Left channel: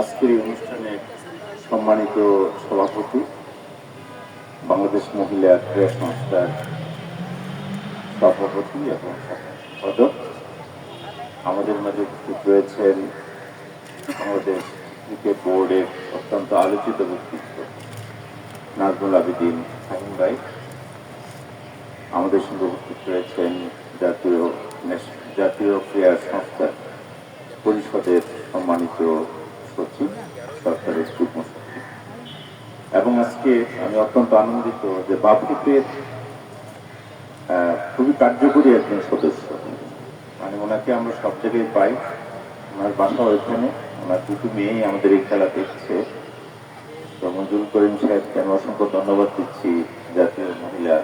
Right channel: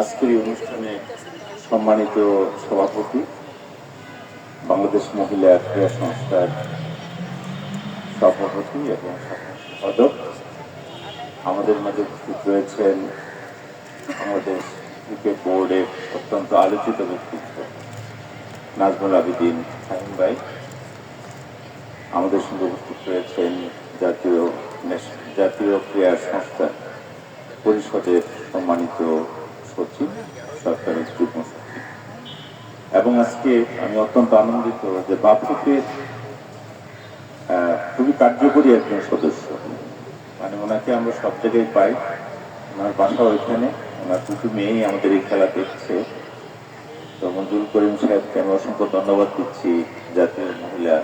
আজকের এই অনুষ্ঠানে সম্মানিত সভাপতি, বাংলাদেশ মহিলা ক্রীড়া সংস্থার সভাপতি এবং সম্পাদক। আমাদের মাঝে উপস্থিত রয়েছেন বাংলাদেশ ক্রিকেট বোর্ডের অত্যন্ত আলোচিত ব্যক্তিত্ব নাজমুল আবিদিন শাহিন ভাই। আমাদের সঙ্গে উপস্থিত রয়েছেন জাতীয় জাতীয় ক্রীড়া সংস্থা পরিষদের সম্মানিত সচিব সরকারের যুগ্ম সচিব এবং আজকে আমি অত্যন্ত আনন্দিত যে বাফুফের খুবই কার্যকরী একজন সদস্য। মানে ওনাকে আমরা সব জায়গায় পাই। ওনার বাসা ওইখানে, ওনার দুটো মেয়েই আমাদের এই খেলা দেখছে। তো মঞ্জুর করিম সাহেবকে আমি অসংখ্য ধন্যবাদ দিচ্ছি, জাতীয় মহিলা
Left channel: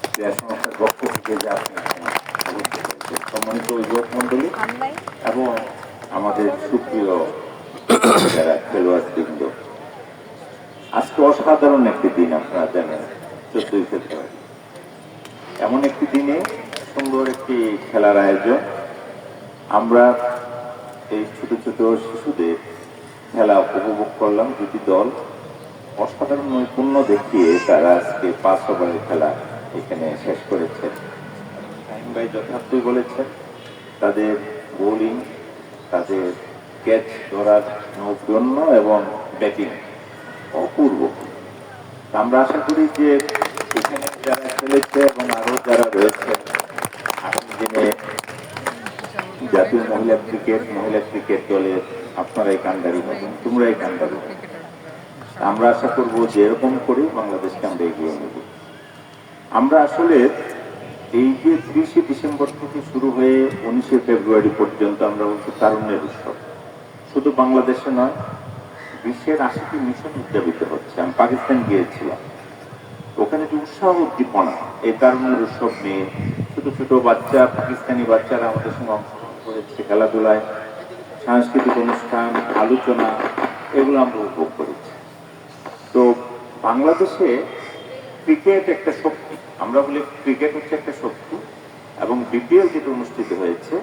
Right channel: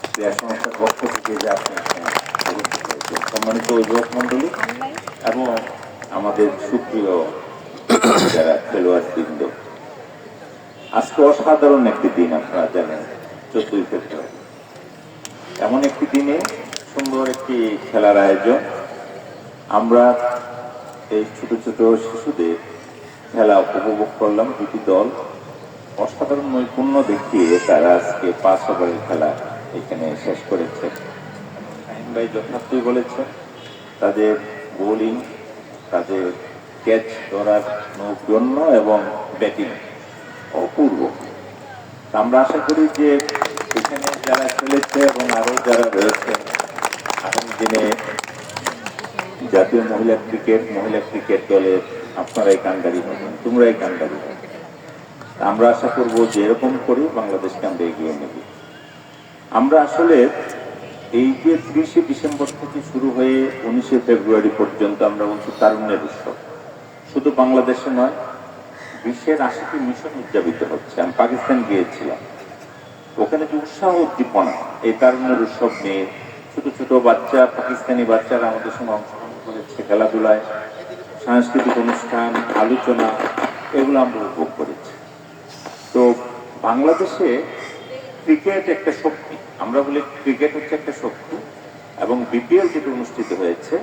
ক্রীড়া সংস্থার পক্ষ থেকে যে। সম্মানিত অভিভাবক মন্ডলী এবং আমাদের সুপ্রিয় আজকে অসাধারণ একটি দিন আপনারা জানেন চোদ্দই এমন একটি দিনে সুন্দর একটি খেলার আয়োজন। আমরা এই ছোট ছোট শিশুদের খেলা উপভোগ করলাম, দুটি দল। অসাধারণ নৈপুণ্য দেখিয়ে তারা আজকে পাঁচ ওভারের খেলা এখানে শেষ করেছেন। শাহিন ভাই যথার্থই বলেছেন, তাদের বোলিং তাদের ক্যাচ ধরার নৌপণ্য এবং ব্যাটিং অপূর্ব। আমরা আশা করি যে এখানে যারা খেলেছে এবং আরও যারা রয়েছে, আগামী দিনে জাতীয় মহিলা ক্রিকেট মহিলা ক্রিকেট দলের আপনারাই কান্ডারি হবেন, তোমরাই কান্ডারি হবে আমরা আশা করব যে এরকম করে বাংলাদেশকে আমরা এগিয়ে নেব। আমরা আসলে এই যে ত্রিশে ডিসেম্বর থেকে শুরু হয়ে উনিশে ফেব্রুয়ারি পর্যন্ত আমরা বলছি তারুণ্যের উৎসব। শুধু বাংলাদেশে নয়, বিশ্বের আশিটি মিশন উদযাপিত হচ্ছে। আমি পাকিস্তান গিয়েছিলাম। ওখানে যে উৎসাহ উদ্দীপনা, এই তারুণ্যের উৎসব নিয়ে ছোট ছোট বাচ্চা, পাকিস্তানি বাচ্চারা আমাদের সঙ্গে অংশগ্রহণ করেছে, খেলাধুলায়, সাংস্কৃতিক অনুষ্ঠান, আলোচনা, এগুলো আমরা উপভোগ করেছি। তো বাংলাদেশে ক্রিকেট একটা শক্তি, আমরা বলি ক্রিকেট হচ্ছে একটা শক্তি, এবং বিপিএল যেটা অনুষ্ঠিত হয়েছে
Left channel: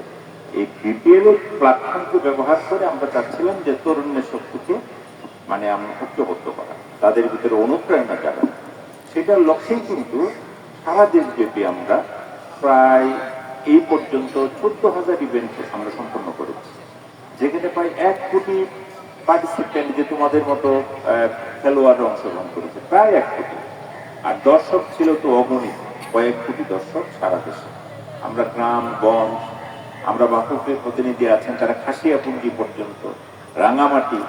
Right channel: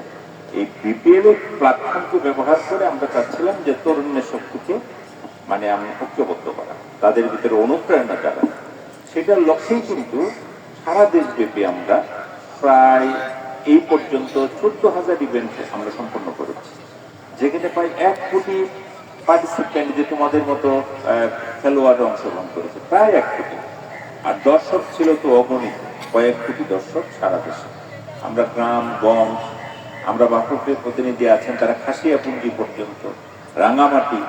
এই বিপিএল এর প্ল্যাটফর্মকে ব্যবহার করে আমরা চাচ্ছিলাম যে তরুণের শক্তিকে মানে আমরা ঐক্যবদ্ধ করা তাদের ভিতরে অনুপ্রেরণা জানা সেটার লক্ষ্যেই কিন্তু সারা দেশব্যাপী আমরা প্রায় এই পর্যন্ত চোদ্দ হাজার ইভেন্ট আমরা সম্পন্ন করেছি। যেখানে প্রায় এক কোটি পার্টিসিপেন্ট যে তোমাদের মতো আহ, খেলোয়াড়রা অংশগ্রহণ করেছে প্রায় এক কোটি। আর দর্শক ছিল তো অগণিত কয়েক কোটি দর্শক সারা দেশে। আমরা গ্রাম গঞ্জ আমরা বাপুরের প্রতিনিধি আছেন তারা খাসিয়াপুঞ্জি পর্যন্ত। রাঙামাটি